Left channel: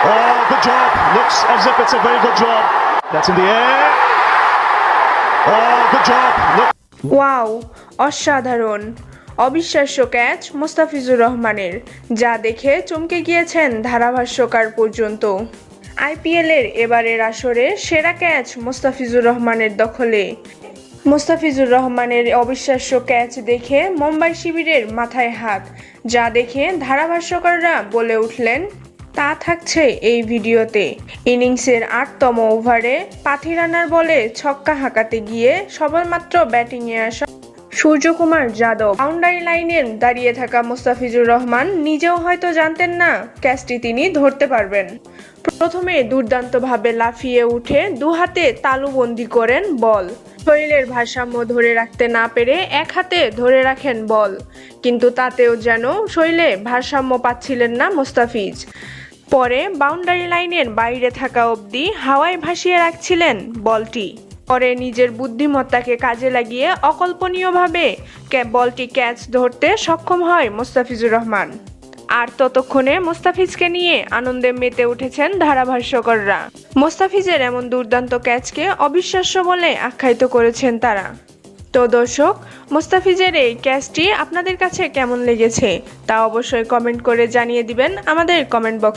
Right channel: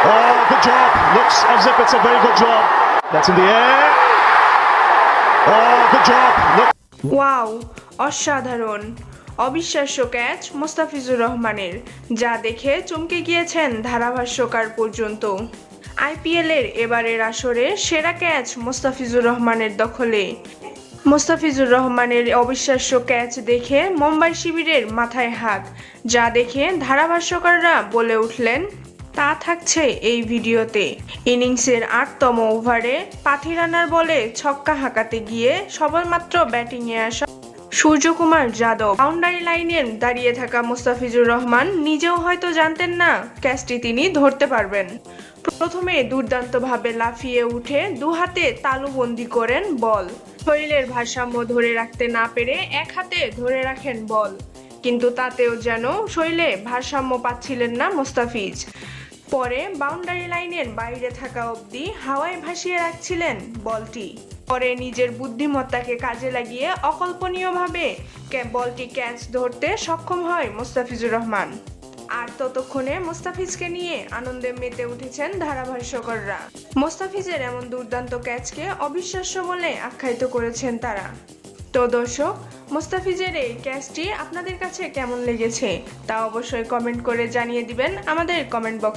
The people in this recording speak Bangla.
Oh, good job. Looks as if it's a very good job. That's in the air. Oh, good job. Wow অসাধারণ অবিশ্বাস্য ক্যাচ মোস্তাফিজুর রহমানের যা দেখে চমকে গিয়েছেন ধারাভাষ্যকার পর্যন্ত আইপিএলের এবারের আসরে সেরা ক্যাচ মোস্তাফিজুর রহমানের দখলে মোস্তাফিজুর রহমানের অবিশ্বাস্য ক্যাচ দেখে মুম্বাই শিবিরের মাথায় হাত যা দেখে ধারাভাষ্যকাররা বলে উঠলেন তা থাকছে এই ভিডিওতে। ইনিংসের আটতম ওভারে পাথিরানার বলে ছক্কা হাঁকাতে গিয়ে সবেমাত্র ব্যাটিংয়ে আসা সূর্যকুমার যাদব। বাউন্ডারি লাইনে দাঁড়িয়ে থাকা মোস্তাফিজুর রহমান নিজেও হয়তো জানতেন না ক্যাচটি তিনি ধরতে পারবেন। প্রথমে দুর্দান্তভাবে লাফিয়ে উঠে দু হাতে তালুবন্দি করেন বল। শরীরের ভারসাম্য ধরে রাখতে না পেরে এক হাতে ধরে রাখেন বল। কিন্তু তাতেও যেন শরীরে ভারসাম্য পাচ্ছিলেন না মোস্তাফিজ। পরে বাউন্ডারি লাইনের বাইরে থাকা অবধি হাওয়ায় ভাসিয়ে রাখছিলেন বলটি। পরে নিজের বুদ্ধিমত্তাকে কাজে লাগিয়ে অকল্পনীয়ভাবে বলটি ক্যাচ ধরতে সক্ষম হয় মোস্তাফিজুর রহমান। আর ততক্ষণে মোস্তাফিজকে নিয়ে আনন্দে মেতে উঠেছেন ধারাভাষ্যকররা। মোস্তাফিজের এমন দুর্দান্ত ক্যাচকে অবিশ্বাস্য বলে আখ্যায়িত করেছেন তারা। তো দর্শক, মোস্তাফিজের এই ক্যাচটি আপনাদের কাছে কেমন লেগেছে তা অবশ্যই কমেন্ট করে জানিয়ে দিবেন আমাদের কমেন্ট বক্সে।